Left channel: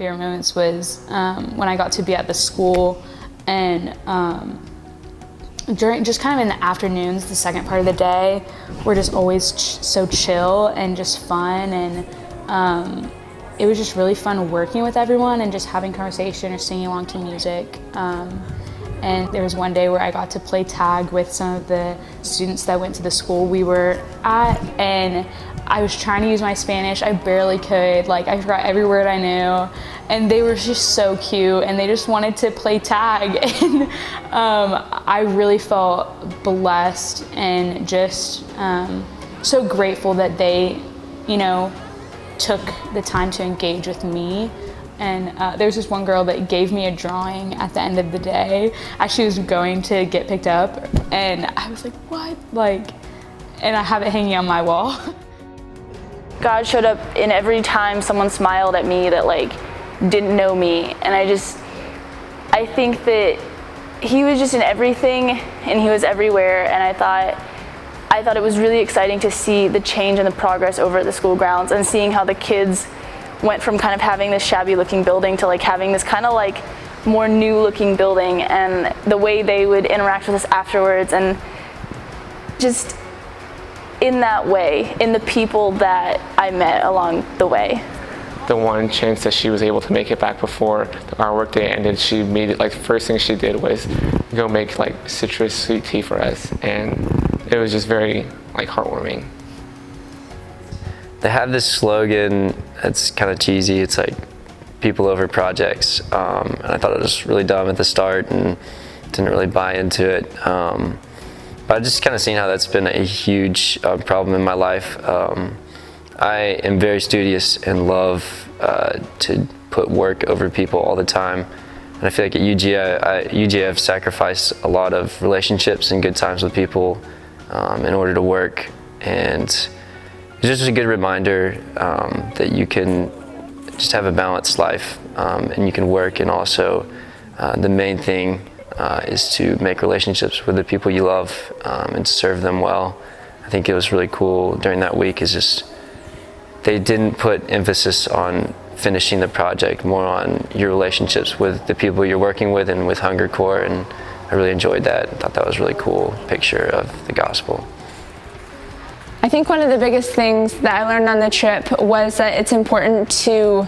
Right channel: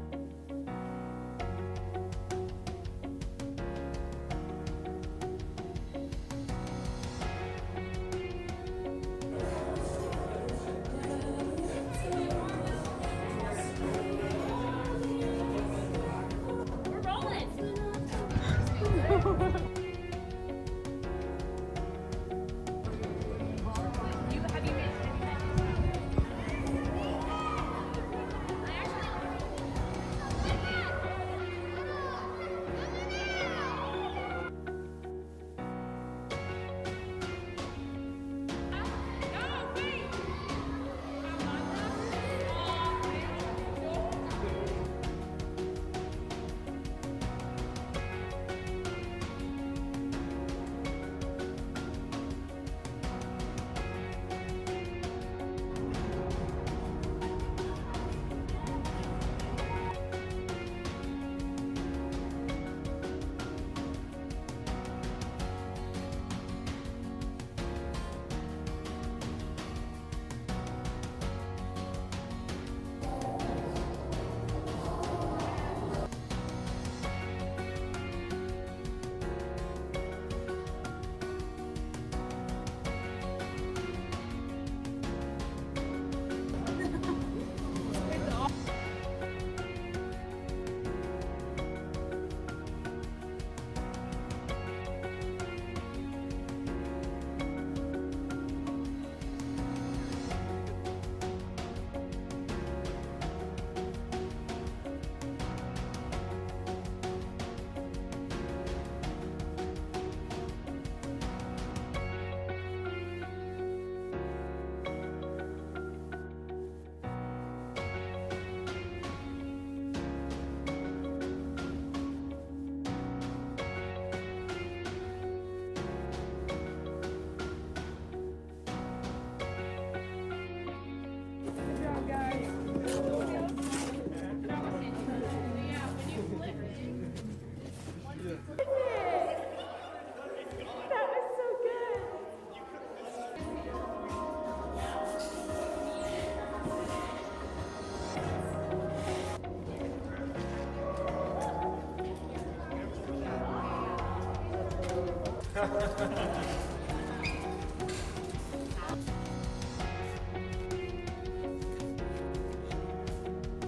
favorite moments was when I got to be at the school, and during just kind of in the afternoons, the second part of the day, we're just always so chill and just fun, and it was just really fun working with everyone and just having conversation or singing along to music. And there was one day where I got to play tag with some of the students that went to the school we were at, and I was trying to use my Spanish. I barely could. Like, I forgot every word I knew, and they were just so cute, and they just wanted to play tag. And I really felt blessed and just so grateful that they, you know, took the time to engage with me. And there was this one girl that gave me a drawing at the end of the day as she was going to get picked up, and I was like, what? Like, and I have it hanging on my wall. God showed up in every time someone smiled at me that like didn't know me, and I think that he was just in everything and he was everywhere, and I thought it was really exciting to see the change and the progress over at the school grounds, and seeing how the kids went from kind of having this shabby looking building to like having this kind of like more new looking building, and the way they would interact with us afterwards, and just in that way, in the people that I met along the way. The one chance that she was able to make it back before our work day ended, she made it, like, first thing she did was go make like citrus sweet tea for us, and it was just very like heartwarming. They have this slogan, it's kind of cheesy, it's like people over projects, and I thought it was really dumb at the start and didn't really buy into it. But I've just kind of seen how that's been a huge problem in my life. I am very studious and love to put work over people all the time. And I feel like at UGA I've sacrificed a lot of relationships and good times with people in order to work. And it's just a good reminder that you can just have a balanced life, and you can work, and also the main thing is to make relationships with the people you love and serve them well. I think it was really cool during that week is just they didn't put emphasis on finishing the project, more on your relationships with the people you're working with and with Hunger Corps, and I really enjoyed that. I thought that was a really cool picture of the gospel. I think one of the biggest things that I learned on the trip was that it's important to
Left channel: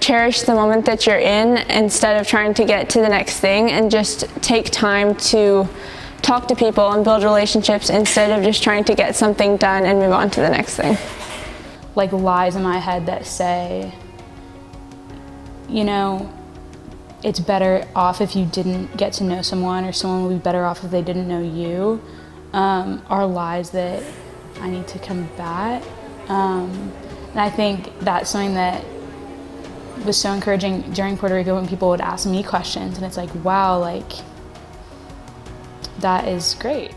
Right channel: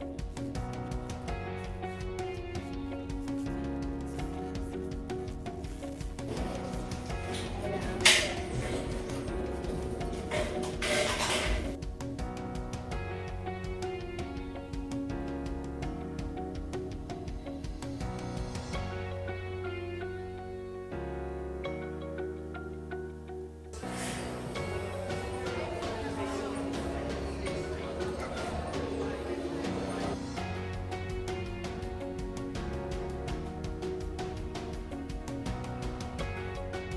cherish the moment that you're in instead of trying to get to the next thing, and just take time to talk to people and build relationships instead of just trying to get something done and move on to the next thing. Like lies in my head that say, you know, it's better off if you didn't get to know someone, or someone would be better off if they didn't know you, are lies that I need to combat. And I think that's something that was so encouraging during Puerto Rico when people would ask me questions, and it's like, wow, like, that is great.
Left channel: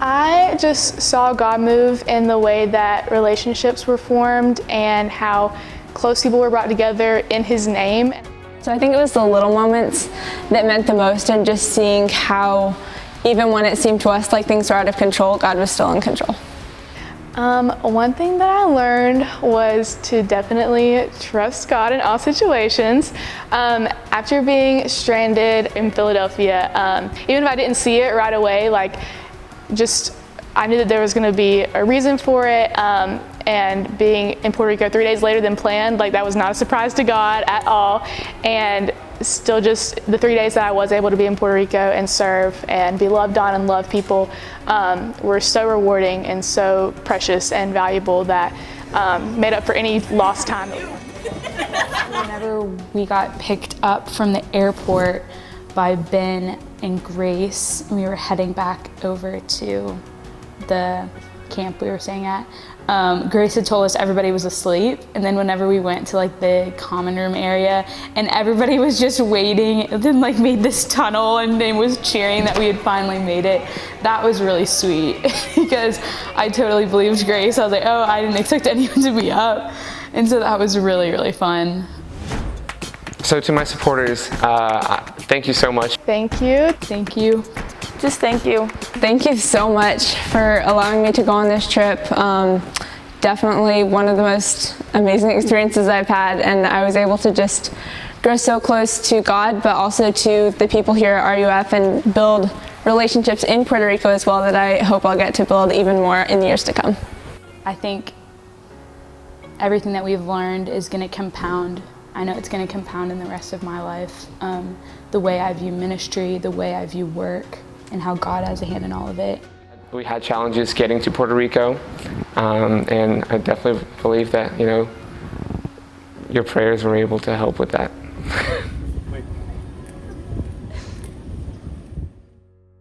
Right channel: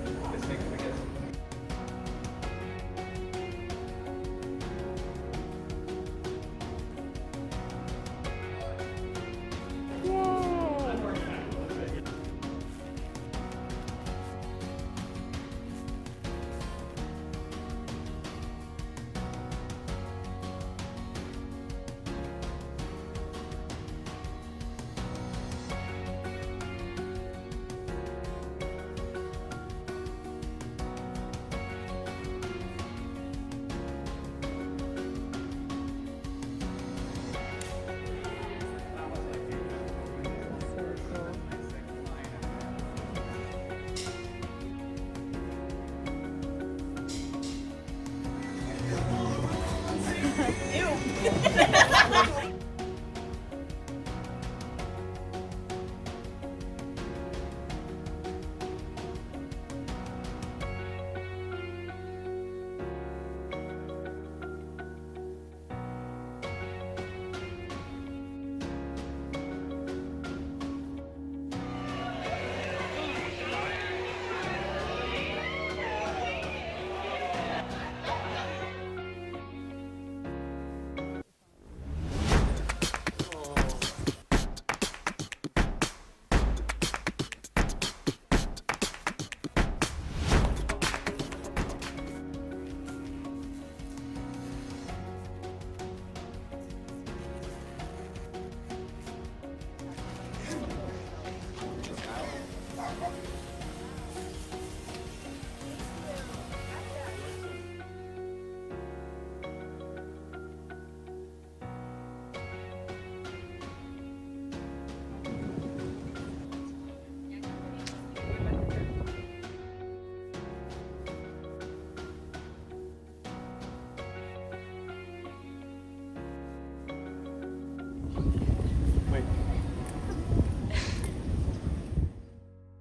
I just saw God move in the way that relationships were formed and how close people were brought together in His name. So I think it was the little moments that meant the most, and just seeing how even when it seemed to us like things were out of control, God was still in control. One thing that I learned was to definitely trust God in all situations. After being stranded in Philadelphia, even if I didn't see it right away, like, I knew that there was going to be a reason for it, and being in Puerto Rico 3 days later than planned, like, that was not a surprise to God at all. And still, just the 3 days that I was able to be in Puerto Rico and serve and be loved on and love people were so rewarding and so precious and valuable that made up for any lost time. Whenever we got picked up from the airport by Ben and Grace, we were heading back over to the camp we were staying at. Grace had told us everybody was asleep, and then whenever we went to like the common room area and everybody was just waiting, and then like made this tunnel and they was cheering that we had finally made it, that was really sweet because I totally believed Grace. I was like, oh, I didn't expect anyone to be up, and so that was really, really fun. So to my supporters, thank you so much. Thank you. Thank you. Just thank you. Thank you so much for allowing me to go on this trip. definitely one of the most amazing experiences I've had, and I was able to just grow so close to God, but also to the people here at RUF, and build relationships in Puerto Rico as well that I hope I'll get to build even more in the years to come. I think everything that we've learned is going to compound. I know it's going to compound in the rest of my life. The way I view ministry, the way I view work, and how God has a hand in all of it. We had challenges getting to Puerto Rico, and I definitely believe that, your prayers were able to help with that.